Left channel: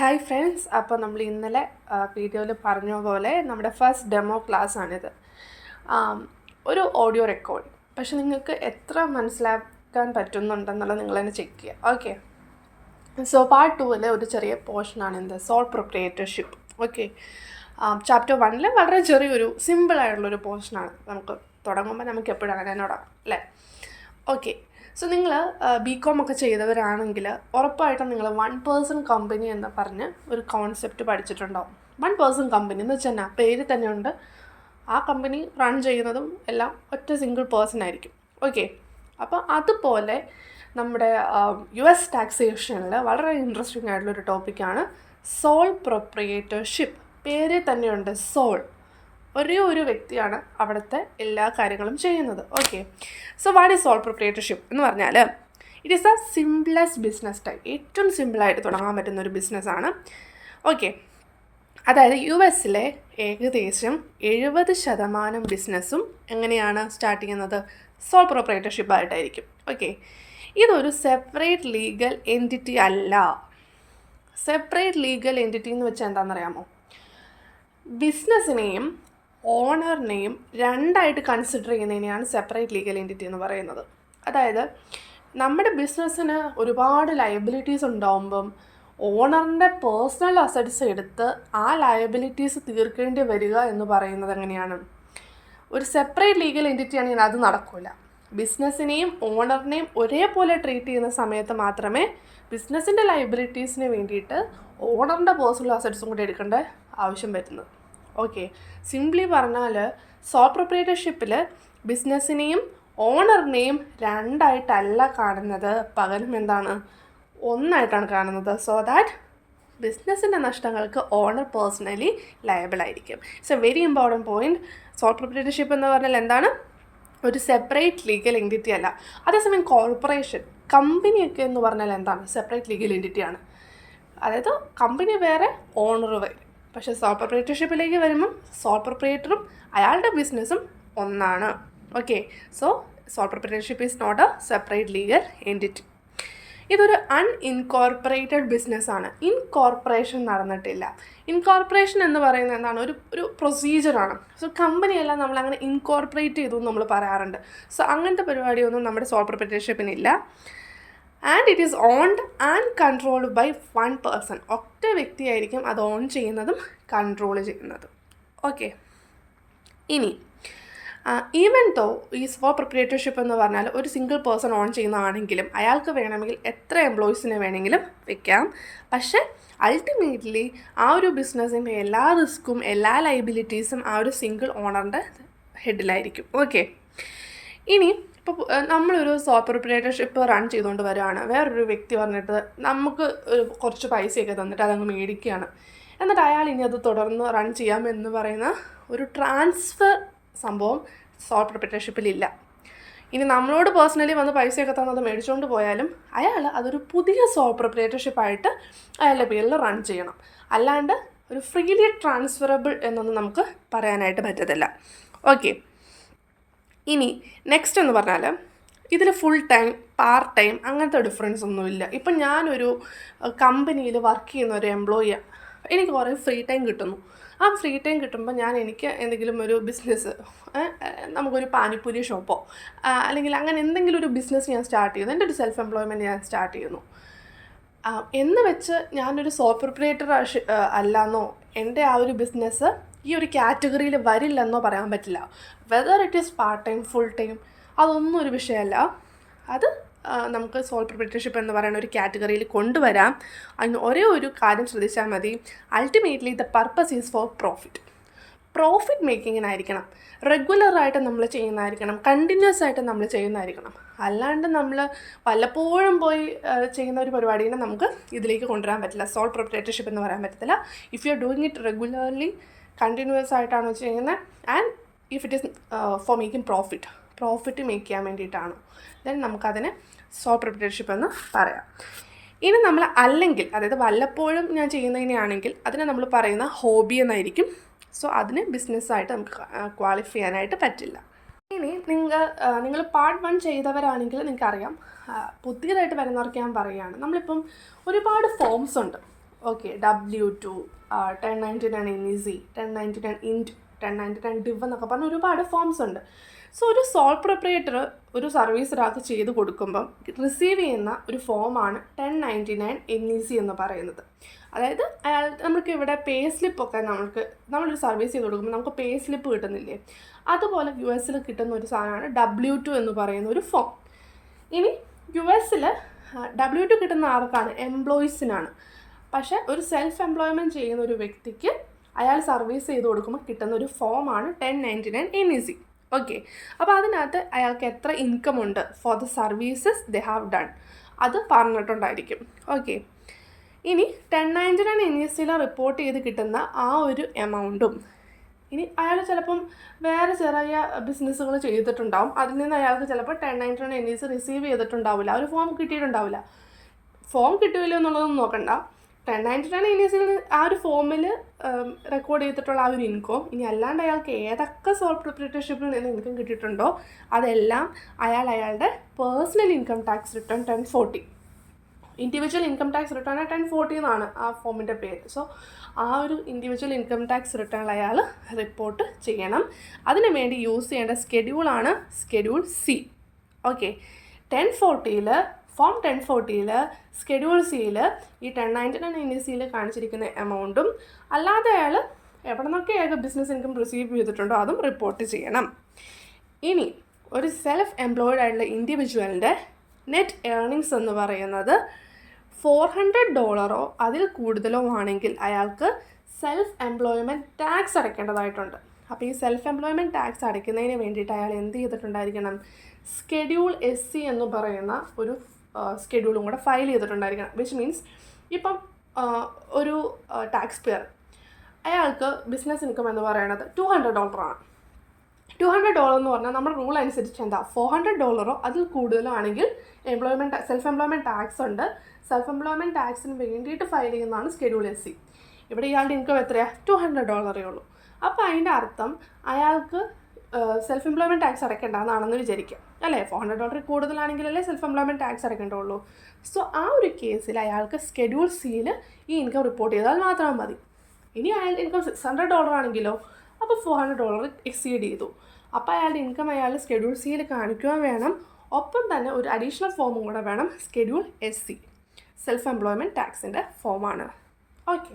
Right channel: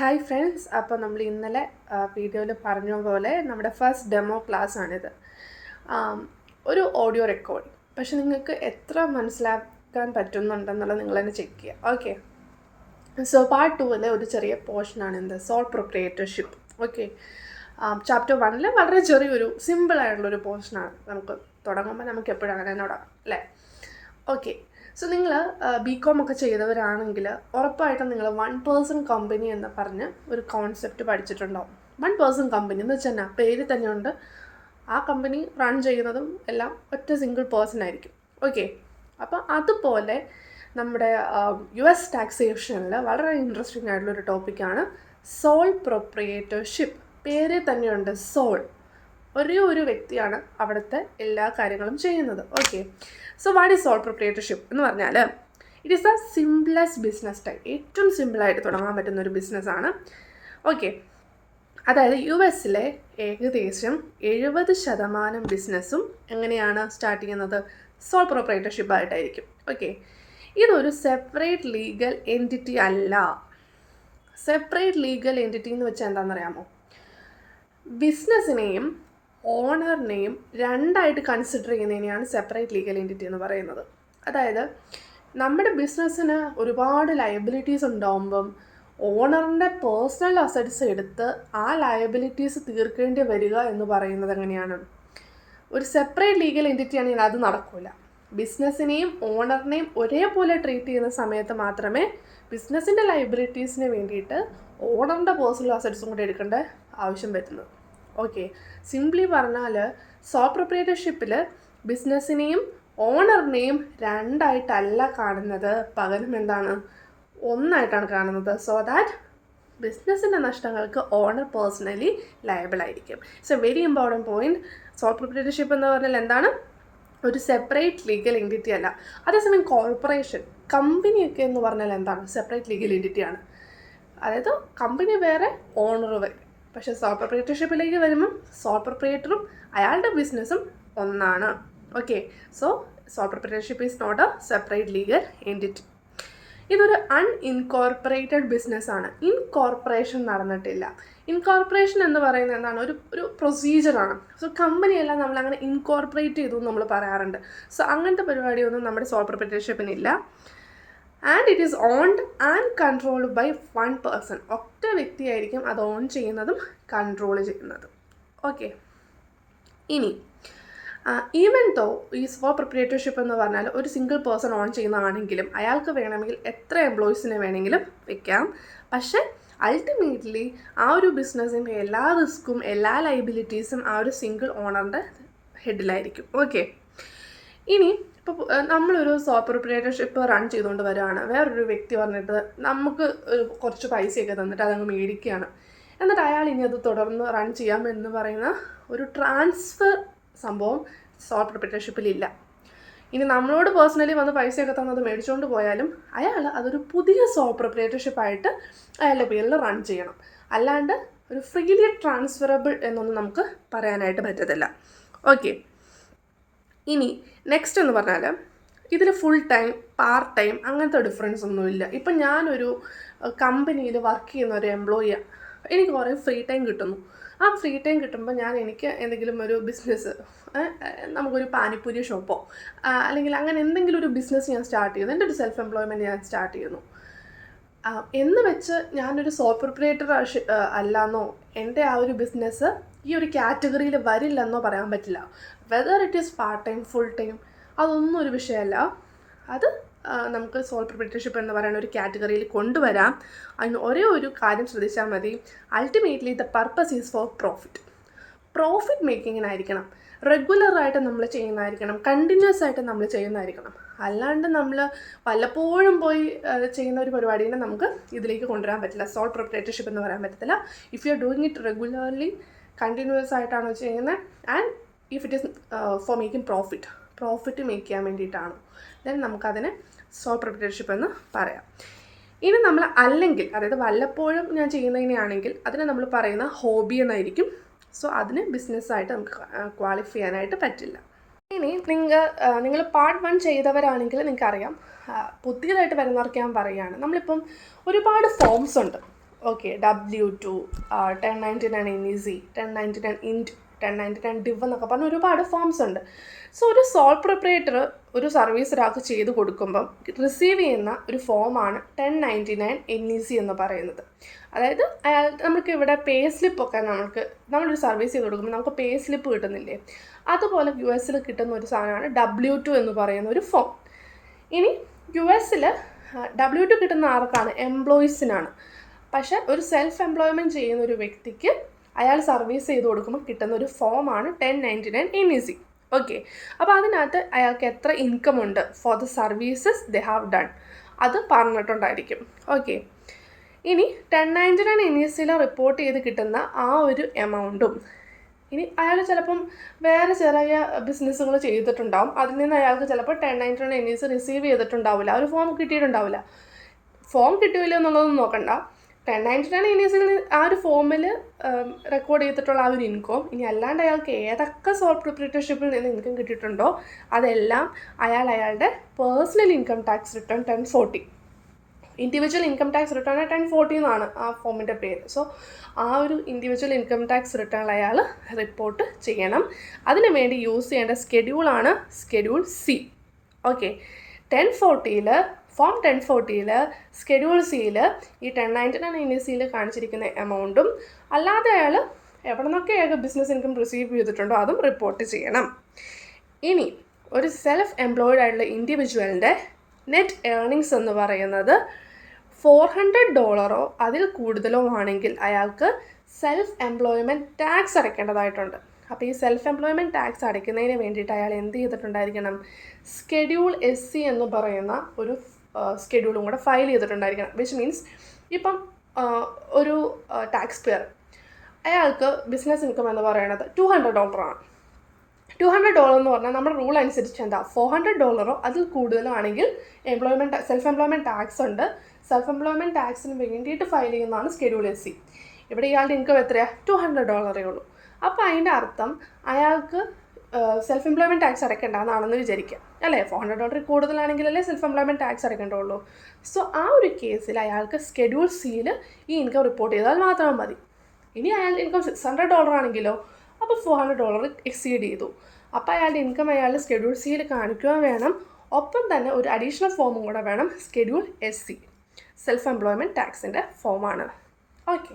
Hi friends, അപ്പോൾ നമ്മൾ ഇന്നലെ വീഡിയോയിൽ പറഞ്ഞ പോലെ നമ്മുടെ ഫസ്റ്റ് ഡെമോ ക്ലാസ് ആണിത്. ഒരു ഓഡിയോ റെക്കോർഡ്, പക്ഷെ നിങ്ങൾക്ക് എത്ര മനസ്സിലാക്കാൻ പറ്റുന്നുണ്ടെന്നുള്ളത് നിങ്ങൾ തന്നെ ചെക്ക് ചെയ്യുക. ഓക്കെ, സോ പാർട്ട് 2 ഒരു ചെറിയ പോർഷനാണ് എന്ത് സോൾ പ്രൊപ്രിയേറ്റർഷിപ്പ്. ഓക്കെ, ചാപ്റ്റർ 1 വളരെ ചെറിയൊരു സിമ്പിളായിട്ടുള്ളൊരു പോർഷനാണ്. നമുക്ക് തുടങ്ങുമ്പോൾ നമുക്ക് എപ്പോഴും അങ്ങനെ തുടങ്ങാം അല്ലേ. ഓക്കെ, സോ നിങ്ങൾ BCom ഒക്കെ ചെയ്തവരാണെങ്കിൽ ഉറപ്പായിട്ടും നിങ്ങൾ 1 person കമ്പനി എന്ന് പറഞ്ഞ് ഒരു കോൺസെപ്റ്റ് പഠിച്ചിട്ടുണ്ടാവും. 1 person കമ്പനി എന്ന് വെച്ചാൽ പേര് തന്നെയുണ്ട്, ആ കമ്പനി റൺ ചെയ്യുന്നതും എല്ലാം ഒറ്റ സിംഗിൾ പേഴ്സൺ ആയിരിക്കും. ഓക്കെ, അപ്പോൾ അതുപോലെ നമ്മുടെ US ടാക്സേഷനിൽ വളരെ ഇൻട്രസ്റ്റിംഗ് ആയിട്ടുള്ളൊരു ടോപ്പിക്കാണ് സോൾ പ്രൊപ്രിയേറ്റർഷിപ്പ്. പേര് തന്നെയുണ്ട് സോൾ, ഒരേ ഒരു വ്യക്തിയാണ് അവിടുത്തെ എല്ലാ കാര്യങ്ങളും ചെയ്യുന്നത്. Okay, so what is sole proprietorship എന്ന് പറഞ്ഞാൽ it is the simplest business type. ഏറ്റവും സിമ്പിളായിട്ട് തുടങ്ങാൻ പറ്റുന്ന ഒരു ബിസിനസ്സാണ്. ഓക്കെ, അതായത് US ഏകദേശം 70% ബിസിനസ്സും എങ്ങനെയാണ് സ്റ്റാർട്ട് ചെയ്യുന്നത്? സോൾ പ്രൊപ്രിയേറ്റർഷിപ്പായിട്ടായിരിക്കും. ഓക്കെ, ഇതൊരു സെപ്പറേറ്റ് ലീഗൽ എൻറ്റിറ്റി അല്ല. സെപ്പറേറ്റ് ലീഗൽ എൻറ്റിറ്റി എന്ന് വെച്ചാൽ എന്താണെന്നറിയാമോ? ബിസിനസ്സിനെയും ഓണറിനെയും രണ്ടായിട്ട് കൺസിഡർ ചെയ്യുന്നതിനെയാണ് സെപ്പറേറ്റ് ലീഗൽ എൻറ്റിറ്റി എന്ന് പറയുന്നത്. അതായത് നമ്മുടെ ബിസിനസ്സിന് ഒരുപാട് ലയബിലിറ്റീസ് ഉണ്ടാകുമ്പം ഓണറിൻ്റെ പേഴ്സണൽ അസറ്റ്സ് എടുത്ത് ആ ലയബിലിറ്റീസ് തീർക്കേണ്ടി വരിക എന്ന് പറയുന്നത് എങ്ങനെയാണ്? ഒരു സെപ്പറേറ്റ് ലീഗൽ എൻറ്റിറ്റി ആണെങ്കിൽ അത് നടക്കില്ല. ബിസിനസ്സിനെയും ഓണറിനെയും ഒരേപോലെ ട്രീറ്റ് ചെയ്യുന്ന സമയത്ത് മാത്രമേ ബിസിനസ്സിൻ്റെ ലയബിലിറ്റീസിന് വേണ്ടിയിട്ട് ഓണറിൻ്റെ പേഴ്സണൽ അസറ്റ്സും കൂടി എടുക്കേണ്ട ആവശ്യം വരുന്നത്. ഓക്കെ, സിംപ്ലി പറഞ്ഞാൽ സോൾ പ്രൊപ്രിയേറ്റർഷിപ്പിൽ ബിസിനസ്സിനെയും ഓണറിനെയും രണ്ടായിട്ടല്ല കാണുന്നത്, പകരം എന്താണ്? ഒന്നായിട്ടാണ് കാണുന്നത്. സോ ദാറ്റ് ബിസിനസ്സിൻ്റെ നഷ്ടങ്ങൾക്ക് ഓണർ പേഴ്സണലി ലയബിൾ ആയിരിക്കും. It's a very important point. Sole proprietorship എന്ന് പറഞ്ഞാൽ എന്താണ്? ഒരു സെപ്പറേറ്റ് ലീഗൽ എൻറ്റിറ്റി അല്ല. അതേസമയം കോർപ്പറേഷൻ, കമ്പനിയൊക്കെ എന്ന് പറഞ്ഞാൽ എന്താണ്? സെപ്പറേറ്റ് ലീഗൽ എൻറ്റിറ്റിയാണ്. അതായത് കമ്പനി വേറെ, ഓണർ വേറെ. പക്ഷേ സോൾ പ്രൊപ്രിയേറ്റർഷിപ്പിലേക്ക് വരുമ്പം സോൾ പ്രൊപ്രിയേറ്ററും അയാളുടെ ബിസിനസ്സും ഒന്നാണ്. Okay, so sole proprietorship is not a separate legal entity. ഇതൊരു അൺഇൻകോർപ്പറേറ്റഡ് ബിസിനസ്സാണ്. ഇൻകോർപ്പറേഷൻ നടന്നിട്ടില്ല. ഇൻകോർപ്പറേഷൻ എന്ന് പറയുന്നത് എന്താണ്? ഒരു പ്രൊസീജിയറാണ്. സോ കമ്പനിയെല്ലാം നമ്മളങ്ങനെ ഇൻകോർപ്പറേറ്റ് ചെയ്തു എന്ന് നമ്മൾ പറയാറുണ്ട്. സോ അങ്ങനത്തെ പരിപാടിയൊന്നും നമ്മുടെ സോൾ പ്രൊപ്രിയേറ്റർഷിപ്പിനില്ല. And it is owned and controlled by 1 person. ഒറ്റ വ്യക്തിയായിരിക്കും അത് ഓൺ ചെയ്യുന്നതും കൺട്രോൾ ചെയ്യുന്നതും. ഓക്കെ, ഇനി ഈവൻ ദോ ഈ സോൾ പ്രൊപ്രിയേറ്റർഷിപ്പ് എന്ന് പറഞ്ഞാൽ ഒരു സിംഗിൾ പേഴ്സൺ ഓൺ ചെയ്യുന്നതാണെങ്കിലും അയാൾക്ക് വേണമെങ്കിൽ എത്ര എംപ്ലോയീസിനെ വേണമെങ്കിലും വെക്കാം. പക്ഷേ അൾട്ടിമേറ്റ്ലി ആ ഒരു ബിസിനസ്സിൻ്റെ എല്ലാ റിസ്ക്കും എല്ലാ ലയബിലിറ്റീസും ആ ഒരു സിംഗിൾ ഓണറിൻ്റെ ഹെഡിലായിരിക്കും. ഓക്കെ, ഇനി ഇപ്പോൾ നമ്മളൊരു സോൾ പ്രൊപ്രിയേറ്റർഷിപ്പ് റൺ ചെയ്തുകൊണ്ട് വരികയാണ്. വേറൊരു വ്യക്തി പറഞ്ഞിട്ട് നമുക്ക് കുറച്ച് പൈസയൊക്കെ തന്നിട്ട് അതങ്ങ് മേടിക്കുകയാണ്. എന്നിട്ട് അയാൾ ഇനി അത് തുടർന്ന് റൺ ചെയ്യാമെന്ന് പറയുന്ന ഒരു ട്രാൻസ്ഫർ സംഭവം സോൾ പ്രൊപ്രിയേറ്റർഷിപ്പിലില്ല. ഇനി നമ്മളോട് പേഴ്സണലി വന്ന് പൈസയൊക്കെ തന്നത് മേടിച്ചുകൊണ്ട് പോയാലും അയാൾ അതൊരു പുതിയ സോൾ പ്രൊപ്രിയേറ്റർഷിപ്പായിട്ട് അയാളുടെ പേരിൽ റൺ ചെയ്യണം. അല്ലാണ്ട് ഒരു ഫ്രീലി ട്രാൻസ്ഫറബിൾ എന്നൊന്നും നമുക്ക് പറയാനായിട്ട് പറ്റത്തില്ല. ഓക്കെ, ഇനി നെക്സ്റ്റ് എന്ന് പറഞ്ഞാൽ ഇതിൽ ഫുൾ ടൈം പാർട്ട് ടൈം അങ്ങനത്തെ ഡിഫറൻസ് ഒന്നുമില്ല. ഇപ്പം ഞാനൊരു കമ്പനിയിൽ വർക്ക് ചെയ്യുന്ന ഒരു എംപ്ലോയിയാണ്. എനിക്ക് കുറേ ഫ്രീ ടൈം കിട്ടുന്നു. ആ ഫ്രീ ടൈം കിട്ടുമ്പോൾ എനിക്ക് എന്തെങ്കിലും ഒരു ബിസിനസ്, നമുക്കൊരു പാനിപ്പൂരി ഷോപ്പോ അല്ലെങ്കിൽ അങ്ങനെ എന്തെങ്കിലും ഒരു ബിസിനസ് ഞാൻ സ്റ്റാർട്ട് ചെയ്യുന്നു. എൻ്റെ ഒരു സെൽഫ് എംപ്ലോയ്മെൻറ്റ് ഞാൻ സ്റ്റാർട്ട് ചെയ്യുന്നു എന്ന് വെച്ച് ഞാനൊരു സോൾ പ്രൊപ്രിയേറ്റർ അല്ലാന്നോ എൻ്റെ ആ ഒരു ബിസിനസ് ഈ ഒരു കാറ്റഗറിയിൽ വരില്ലെന്നോ പറയാൻ പറ്റില്ല. Whether it is part time full time അതൊന്നും ഒരു വിഷയമല്ല. അത് നമുക്ക് സോൾ പ്രൊപ്രിയേറ്റർഷിപ്പ് എന്ന് പറയുന്ന ഒരു കാറ്റഗറിയിൽ കൊണ്ടുവരാം. അതിന് ഒരേ ഒരു കാര്യം ശ്രദ്ധിച്ചാൽ മതി. Ultimately the purpose is for profit മേക്കിങ്ങിനായിരിക്കണം. റെഗുലറായിട്ട് നമ്മൾ ചെയ്യുന്നതായിരിക്കണം. കണ്ടിന്യൂസ് ആയിട്ട് നമ്മൾ ചെയ്യുന്നതായിരിക്കണം. അല്ലാണ്ട് നമ്മൾ വല്ലപ്പോഴും പോയി ചെയ്യുന്ന ഒരു പരിപാടിനെ നമുക്ക് ഇതിലേക്ക് കൊണ്ടുവരാൻ പറ്റില്ല. സോൾ പ്രൊപ്രിയേറ്റർഷിപ്പ് എന്ന് പറയാൻ പറ്റത്തില്ല. If you are doing it regularly continuous ആയിട്ടാണ് ചെയ്യുന്നത് and if it is for making profit make ചെയ്യാൻ വേണ്ടിയിട്ടാണ്, ദെൻ നമുക്കതിനെ സോൾ പ്രൊപ്രിയേറ്റർഷിപ്പ് എന്ന് പറയാം. ഇനി നമ്മൾ അല്ലെങ്കിൽ അതായത് വല്ലപ്പോഴും ഞാൻ ചെയ്യുന്നതിനെയാണെങ്കിൽ അതിനെ നമ്മൾ പറയുന്ന ഹോബി എന്നായിരിക്കും. സോ അതിന് ബിസിനസ്സായിട്ട് നമുക്ക് ക്വാളിഫൈ ചെയ്യാനായിട്ട് പറ്റില്ല. ഇനി നിങ്ങൾ പാർട്ട് 1 ചെയ്തവരാണെങ്കിൽ നിങ്ങൾക്കറിയാം. പുതിയതായിട്ട് വരുന്നവർക്ക് ഞാൻ പറയുകയാണ്, നമ്മളിപ്പം ഒരുപാട് ഫോംസ് ഉണ്ട്. Okay, W2, 1099 NEC, 1099 INT, 1099 DIV എന്നൊക്കെ പറഞ്ഞ ഒരുപാട് ഫോംസ് ഉണ്ട്. സോ ഒരു സോൾ പ്രൊപ്രൈറ്റർ ഒരു സർവീസ് ഒരാൾക്ക് ചെയ്ത് കൊടുക്കുമ്പം റിസീവ് ചെയ്യുന്ന ഒരു ഫോമാണ് 1099 NEC എന്ന് പറയുന്നത്. അതായത് നമുക്ക് ഇവിടെ പേ സ്ലിപ്പൊക്കെ നമ്മളൊരു സർവീസ് ചെയ്ത് കൊടുക്കുമ്പോൾ നമുക്ക് പേ സ്ലിപ്പ് കിട്ടുന്നില്ലേ, അതുപോലെ US കിട്ടുന്ന ഒരു സാധനമാണ് W2 എന്ന് പറയുന്ന ഒരു ഫോം. ഇനി US W2 കിട്ടുന്ന ആർക്കാണ്? എംപ്ലോയീസിനാണ്. പക്ഷേ ഒരു സെൽഫ് എംപ്ലോയ്മെൻറ്റ് ചെയ്യുന്ന ഒരു വ്യക്തിക്ക് അയാൾ സർവീസ് ചെയ്ത് കൊടുക്കുമ്പോൾ കിട്ടുന്ന ഒരു ഫോമാണ് 1099 NEC. ഓക്കെ, അപ്പോൾ അതിനകത്ത് അയാൾക്ക് എത്ര ഇൻകം ഉണ്ട് for the services they have done അത് പറഞ്ഞിട്ടുണ്ടായിരിക്കും. ഓക്കെ, ഇനി 1099 NEC റിപ്പോർട്ട് ചെയ്ത് കിട്ടുന്ന ആ ഒരു എമൗണ്ടും, ഇനി അയാൾ ചിലപ്പം വേറെ ചെറിയ ബിസിനസ്സുകൾ ചെയ്തിട്ടുണ്ടാവും, അതിൽ നിന്ന് അയാൾക്ക് ചിലപ്പോൾ 1099 NEC റിസീവ് ചെയ്തിട്ടുണ്ടാവില്ല, ഒരു ഫോം കിട്ടിയിട്ടുണ്ടാവില്ല. ഫോം കിട്ടുമല്ലോ എന്നുള്ളതൊന്നും നോക്കണ്ട, 1099 NEC ആ ഒരു ഫോമിൽ റെക്കോർഡ് ചെയ്തിട്ടുള്ള ആ ഒരു ഇൻകം, ഇനി അല്ലാണ്ട് അയാൾക്ക് ഏതൊക്കെ സോൾ പ്രൊപ്രൈറ്റർഷിപ്പിൽ നിന്ന് ഇൻകം കിട്ടിയിട്ടുണ്ടോ അതെല്ലാം അയാളുടെ personal income tax return 1040, individual income tax return 1040 എന്നാണ് ആ ഫോമിൻ്റെ പേര്. സോ ആ ഒരു ഇൻഡിവിജ്വൽ ഇൻകം ടാക്സ് റിട്ടേൺ അയാൾ റിപ്പോർട്ട് ചെയ്യണം. അതിന് വേണ്ടി യൂസ് ചെയ്യേണ്ട സ്കെഡ്യൂളാണ് schedule C. Okay, form 1040 schedule സിയിൽ ഈ 1099 NEC കാണിച്ചിരിക്കുന്ന എമൗണ്ടും അല്ലാതെ അയാൾ എവിടെ നിന്നൊക്കെ ബിസിനസ് ഇൻകം റിസീവ് ചെയ്തിട്ടുണ്ടോ അതും റിപ്പോർട്ട് ചെയ്യണം. ഇനി ഒരു സെൽഫ് എംപ്ലോയിഡ് ആയിട്ടുള്ള ഇൻഡിവിജ്വലിൻ്റെ നെറ്റ് ഏർണിങ്സ് എന്ന് പറയുന്നത് $400 അതിൽ കൂടുതലോ ആണെങ്കിൽ അയാൾക്ക് സെൽഫ് എംപ്ലോയ്മെൻറ്റ് ടാക്സ് അടയ്ക്കേണ്ടതായിട്ടുണ്ട്. അപ്പോൾ ഈ സെൽഫ് എംപ്ലോയ്മെൻറ്റ് ടാക്സ് അടയ്ക്കുന്നതിന് വേണ്ടിയിട്ട് അയാൾ എന്ത് ചെയ്തിട്ടുണ്ടായിരിക്കണം? സ്കെഡ്യൂൾ SC എന്ന് പറയുന്ന ഒരു സ്കെഡ്യൂളും കൂടെ ഫയൽ ചെയ്തിട്ടുണ്ടായിരിക്കണം. വിച്ച് മീൻസ് ഇപ്പം ഒരു ടാക്സ് പെയർ അയാൾക്ക് ബിസിനസ് ഇൻകം എന്ന് പറയുന്നത് $200 ആണ്. $200 എന്ന് പറഞ്ഞാൽ നമ്മുടെ റൂൾ അനുസരിച്ച് എന്താ, $400 അതിൽ കൂടുതലോ ആണെങ്കിൽ സെൽഫ് എംപ്ലോയ്മെൻറ്റ് ടാക്സ് ഉണ്ട്. സെൽഫ് എംപ്ലോയ്മെൻറ്റ് ടാക്സിന് വേണ്ടിയിട്ട് ഫയൽ ചെയ്യുന്നതാണ് സ്കെഡ്യൂൾ SC. ഇവിടെ ഇയാളുടെ ഇൻകം എത്രയാണ്? $200 ഉള്ളൂ. അപ്പോൾ അതിൻ്റെ അർത്ഥം അയാൾക്ക് സെൽഫ് എംപ്ലോയ്മെൻറ്റ് ടാക്സ് അടയ്ക്കേണ്ടതാണെന്ന് വിചാരിക്കാം, അല്ലേ? $400 കൂടുതലാണെങ്കിലല്ലേ സെൽഫ് എംപ്ലോയ്മെൻറ്റ് ടാക്സ് അടയ്ക്കേണ്ടതുള്ളൂ. സോ ആ ഒരു കേസിൽ അയാൾക്ക് സ്കെഡ്യൂൾ സിയിൽ ഈ ഇൻകം റിപ്പോർട്ട് ചെയ്താൽ മാത്രം മതി. ഇനി അയാളുടെ ഇൻകം $600 ആണെങ്കിലോ, അപ്പോൾ $400 എക്സീഡ് ചെയ്തു. അപ്പോൾ അയാളുടെ ഇൻകം അയാൾ സ്കെഡ്യൂൾ സിയിൽ കാണിക്കുകയും വേണം, ഒപ്പം തന്നെ ഒരു അഡീഷണൽ ഫോമും കൂടെ വേണം, സ്കെഡ്യൂൾ SC, സെൽഫ് എംപ്ലോയ്മെൻറ്റ് ടാക്സിൻ്റെ ഫോമാണ്. ഓക്കെ.